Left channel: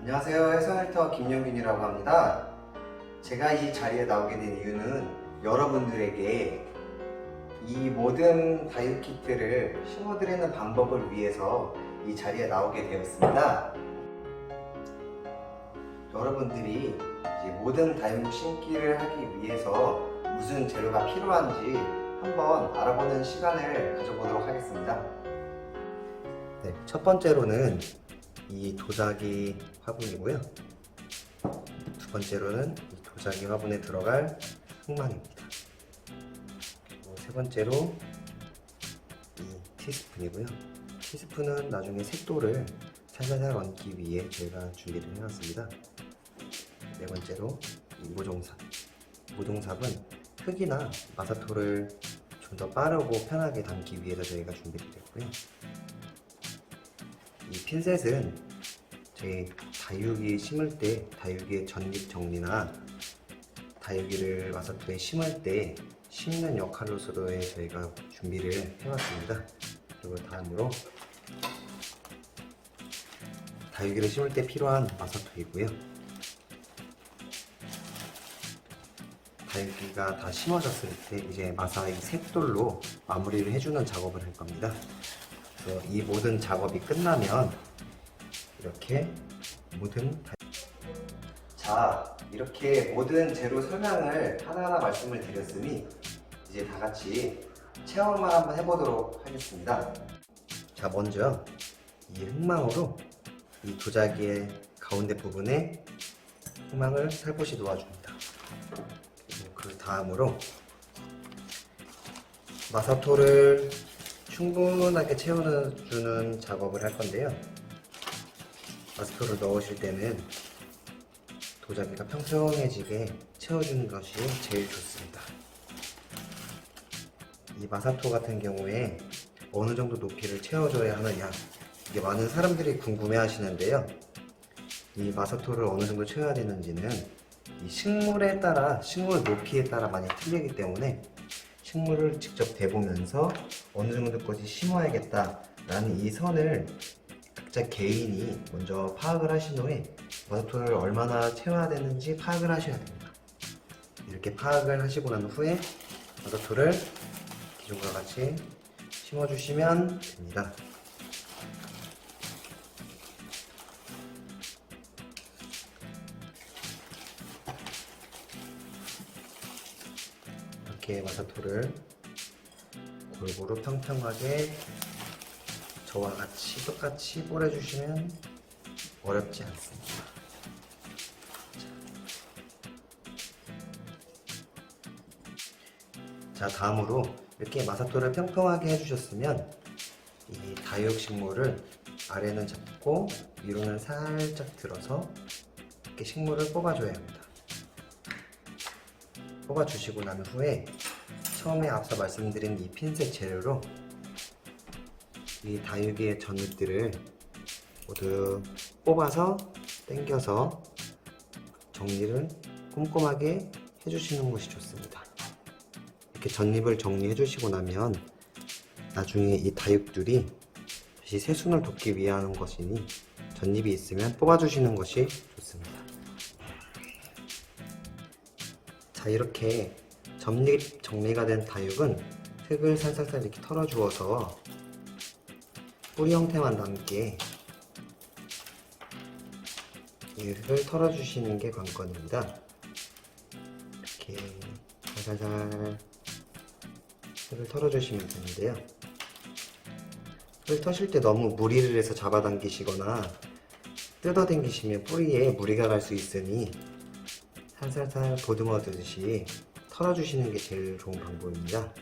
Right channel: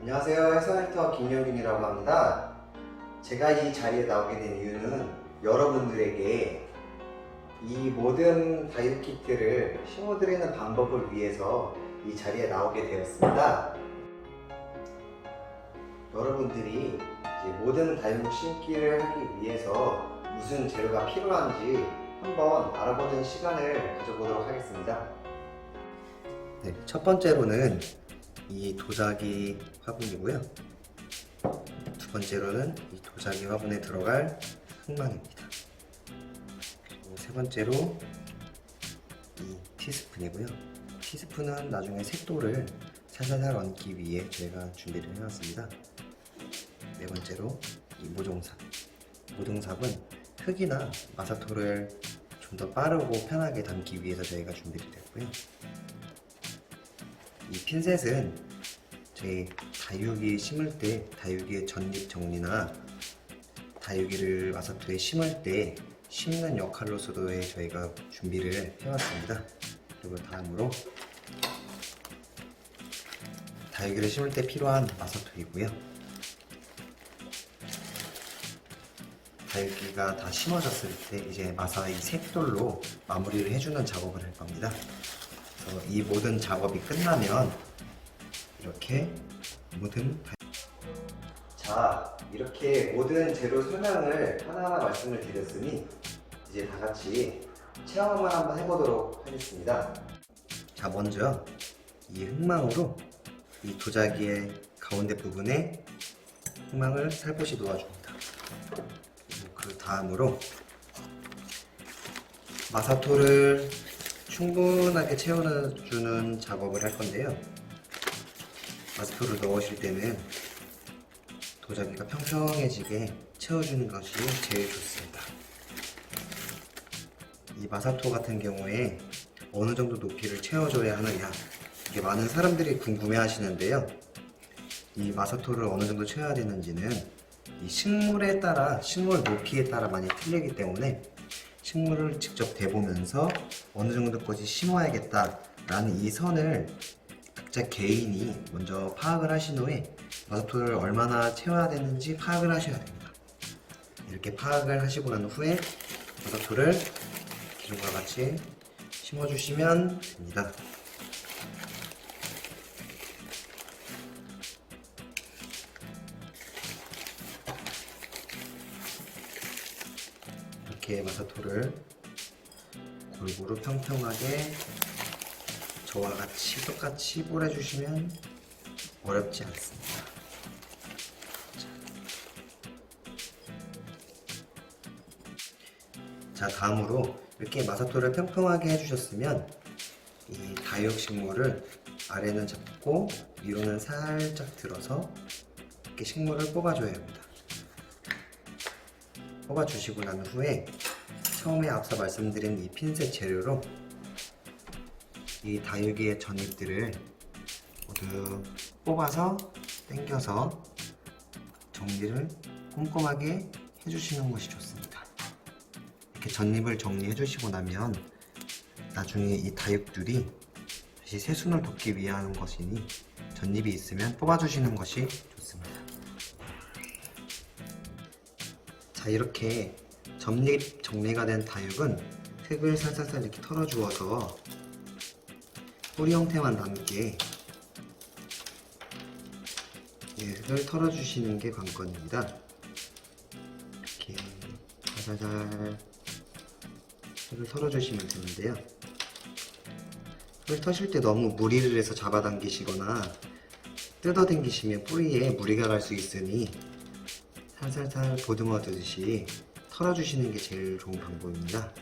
안녕하세요. 해설터 김영균이라고 합니다. 제가 이 자리에 나오게 된 이유는 여러분들에게 이 모든 다이어트 키트를 심어드리는 방법을 위해서 이 자리에 나오게 되었습니다. 여러분들이 이제 모든 다이어트 심기를 하기 위해서 무슨 재료가 필요한지 한번 알아보는 시간을 가져보도록 하겠습니다. 네, 첫 번째로는 이 도자기 화분이고요. 두 번째로는 이 도자기 화분에 들어갈 흑마늘입니다. 세 번째로 이 티스푼이고요. 티스푼은 나중에 색도를 살살살 얹기 위해 저희가 준비를 해놨습니다. 네 번째로 이 모종삽. 모종삽은 흙이나 마사토를 좀 더 빠르고 편하게 담기 위해서 저희가 준비를 했고요. 이 핀셋은 저희 다육이 심을 때 다육이의 전립 정리나 다육이를 마사토에 심을 때 심는 역할로서도 저희가 준비를 해왔습니다. 그리고 다음으로 다육이를 심을 때 필요한 마사토이고요. 다육이가 다 심어졌을 때 이제 마사 이 색돌로 마무리를 해주는 작업을 할 겁니다. 그래서 이 모든 작업이 끝나면 이렇게 이렇게 모든 재료 설명을 하나하나 말씀을 드렸으니 이제 다 같이 체험을 한번 해보도록 하겠습니다. 자, 먼저 이 흙망으로 이 도자기의 가운데 부분에 흙망을 살포시 놓아줍니다. 그 다음으로 마사토를 충분하게 채워주는 작업을 할 건데요. 마사토를 넣으실 때는 도자기가 평평해지게 채워주는 것이 제일 좋습니다. 이 마사토 같은 경우에 어느 정도 높이를 채워줘야 하느냐, 이게 많은 사람들이 궁금해 하시는데요. 이 마사토를 어느 정도 채워야 되는지는 이 식물에 따라, 식물 높이에 따라 많이 틀리기 때문에 식물을 직접 대보면서 어느 정도까지 심어야겠다라는 이 선을 각자 개인이 먼저 파악을 하신 후에 마사토를 얼마나 채워야 되는지 파악을 하셔야 됩니다. 이렇게 파악을 하시고 난 후에 마사토를 기존과 같이 심어주시면 됩니다. 이렇게 마사토를 골고루 평평하게 저와 같이 똑같이 뿌려주시면 어렵지 않습니다. 자, 다음으로 이렇게 마사토를 평평하게 해주셨으면 이 다육식물을 아래는 잡고 위로는 살짝 들어서 이렇게 식물을 뽑아줘야 합니다. 뽑아주시고 난 후에 처음에 앞서 말씀드린 이 핀셋 재료로 이 다육이의 전잎들을 모두 뽑아서 당겨서 정리를 꼼꼼하게 해주시는 것이 좋습니다. 이렇게 전잎을 정리해 주시고 나면 나중에 이 다육들이 다시 새순을 돋기 위한 것이니 전잎이 있으면 뽑아주시는 것이 좋습니다. 자, 이렇게 전잎 정리가 된 다육은 흙을 살살살 이렇게 털어주어서 뿌리 형태만 남게 이 흙을 털어주시는 게 관건입니다. 이렇게 살살살 흙을 털어주시면 되는데요. 흙을 터실 때 너무 무리를 해서 잡아당기시거나 뜯어당기시면 뿌리에 무리가 갈 수 있으니 살살살 보듬어주듯이 털어주시는 게 제일 좋은 방법입니다.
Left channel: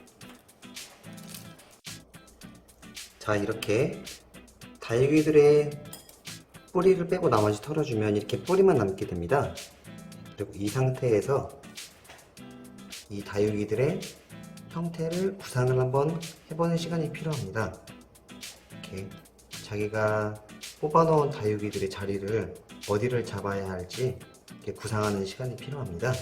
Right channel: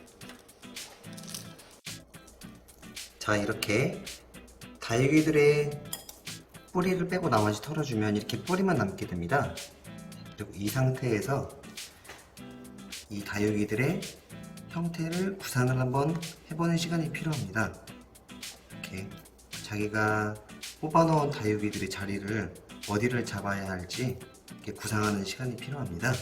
자, 이렇게 다육이들의 뿌리를 빼고 나머지 털어주면 이렇게 뿌리만 남게 됩니다. 그리고 이 상태에서 이 다육이들의 형태를 구상을 한번 해보는 시간이 필요합니다. 이렇게 자기가 뽑아놓은 다육이들의 자리를 어디를 잡아야 할지 이렇게 구상하는 시간이 필요합니다.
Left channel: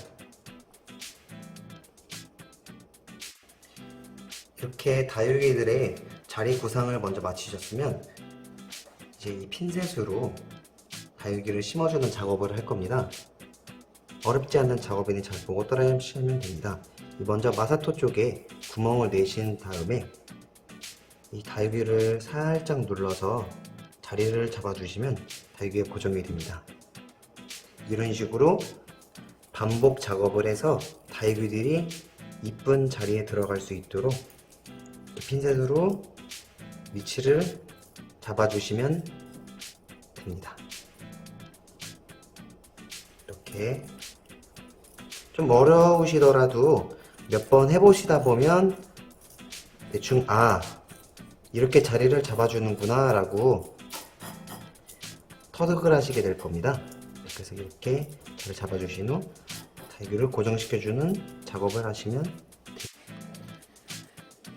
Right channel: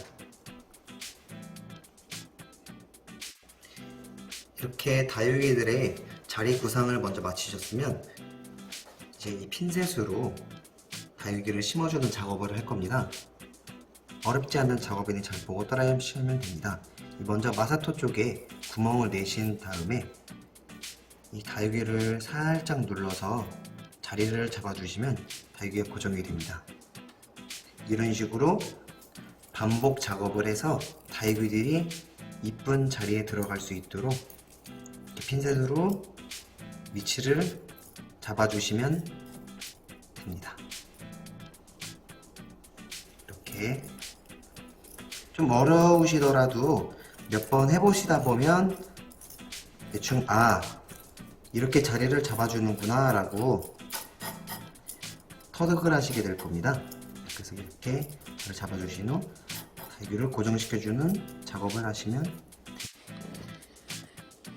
이렇게 다육이들의 자리 구상을 먼저 마치셨으면 이제 이 핀셋으로 다육이를 심어주는 작업을 할 겁니다. 어렵지 않은 작업이니 잘 보고 따라하시면 됩니다. 먼저 마사토 쪽에 구멍을 내신 다음에 이 다육이를 살짝 눌러서 자리를 잡아주시면 다육이가 고정이 됩니다. 이런 식으로 반복 작업을 해서 다육이들이 이쁜 자리에 들어갈 수 있도록 핀셋으로 위치를 잡아주시면 됩니다. 이렇게 좀 어려우시더라도 몇 번 해보시다 보면 대충 이렇게 자리를 잡아주는구나 라고 터득을 하시게 될 겁니다. 그래서 이렇게 자리 잡아주신 후 다육이를 고정시켜주는 작업을 하시면 됩니다.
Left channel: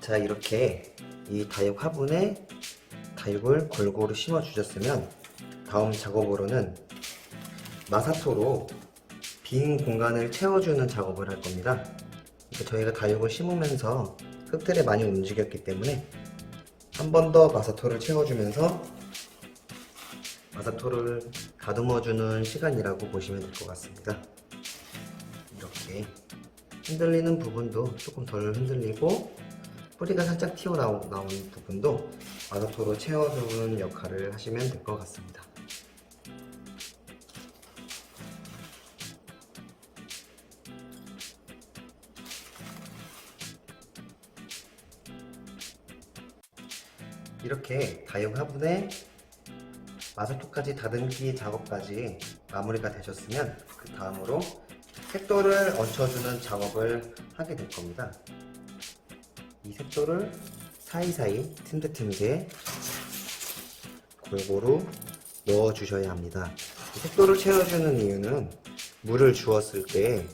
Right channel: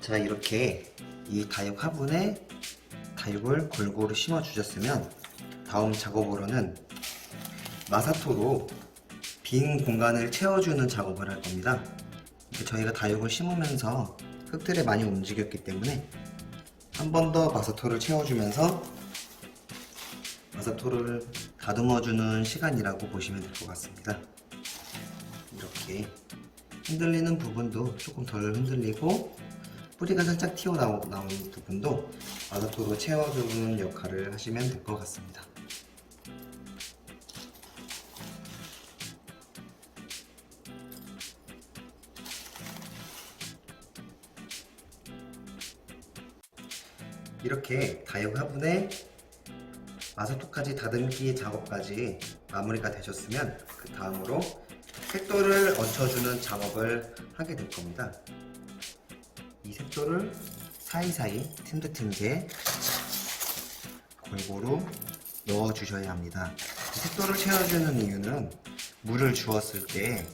자, 이렇게 이 다육 화분에 다육을 골고루 심어 주셨으면 다음 작업으로는 마사토로 빈 공간을 채워주는 작업을 할 겁니다. 저희가 다육을 심으면서 흙들이 많이 움직였기 때문에 한 번 더 마사토를 채워주면서 마사토를 다듬어주는 시간이라고 보시면 될 것 같습니다. 이렇게 흔들리는 부분도 조금 덜 흔들리고 뿌리가 살짝 튀어나오는 부분도 마사토로 채워주는 역할을 하시면 될 것 같습니다. 이렇게 다육 화분에 마사토까지 다듬기 작업까지 마무리가 되셨으면 그 다음으로 색도를 얹혀주는 작업을 하게 될 겁니다. 이 색도를 사이사이 틈새틈새 골고루 넣어 주셔야 합니다. 색도를 채워주는 이유는 물을 주었을 때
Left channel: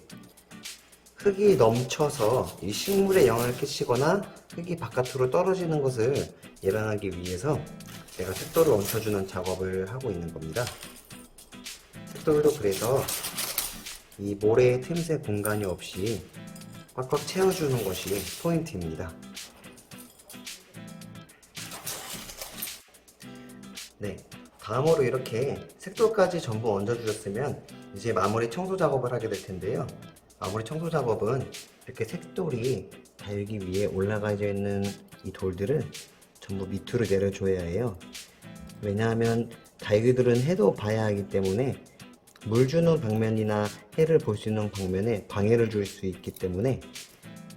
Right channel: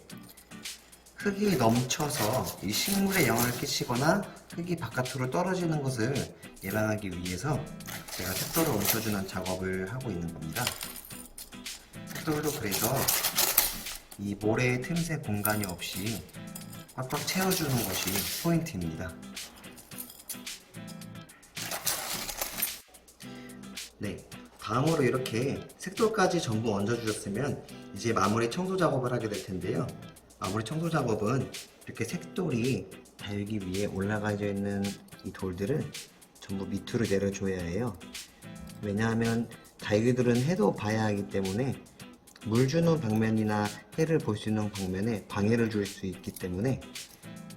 흙이 넘쳐서 이 식물에 영향을 끼치거나 흙이 바깥으로 떨어지는 것을 예방하기 위해서 제가 색도를 얹혀주는 작업을 하고 있는 겁니다. 색도로 그래서 이 모래 틈새 공간이 없이 꽉꽉 채워주는 것이 포인트입니다. 네, 다음으로 이렇게 색도까지 전부 얹어주셨으면 이제 마무리 청소 작업을 하게 될 텐데요. 마무리 청소 작업은 이렇게 색돌이 다육이 위에 올라가져 있는 이 돌들을 전부 밑으로 내려줘야 해요. 왜냐하면 다육이들은 해도 봐야 하기 때문에 물 주는 방면이나 해를 볼 수 있는 방면에 방해를 줄 수 있기 때문에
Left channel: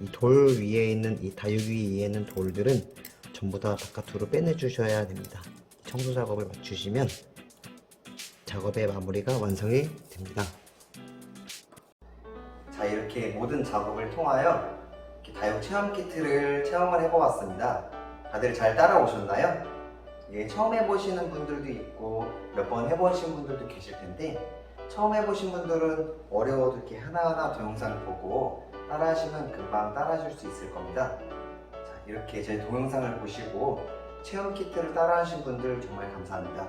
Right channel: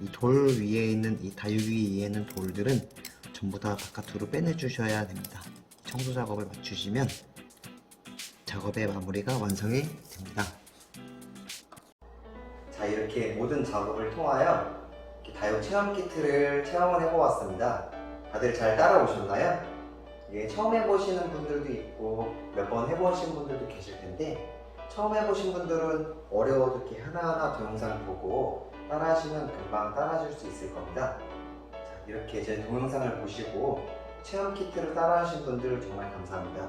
이 돌 위에 있는 이 다육이 위에 있는 돌들은 전부 다 바깥으로 빼내주셔야 됩니다. 청소 작업을 마치시면 작업의 마무리가 완성이 됩니다. 자, 이렇게 모든 작업을 통하여 이렇게 다육 체험 키트를 체험을 해보았습니다. 다들 잘 따라오셨나요? 이게 처음 해보시는 분들도 있고 몇 번 해보신 분들도 계실 텐데 처음 해보신 분들은 어려워도 이렇게 하나하나 동영상 보고 따라하시면 금방 따라하실 수 있을 겁니다. 자, 이렇게 제 동영상을 보시고 체험 키트를 따라하신 분들 정말 감사합니다.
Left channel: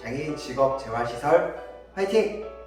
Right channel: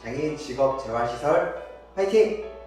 장애인 직업 재활시설 화이팅!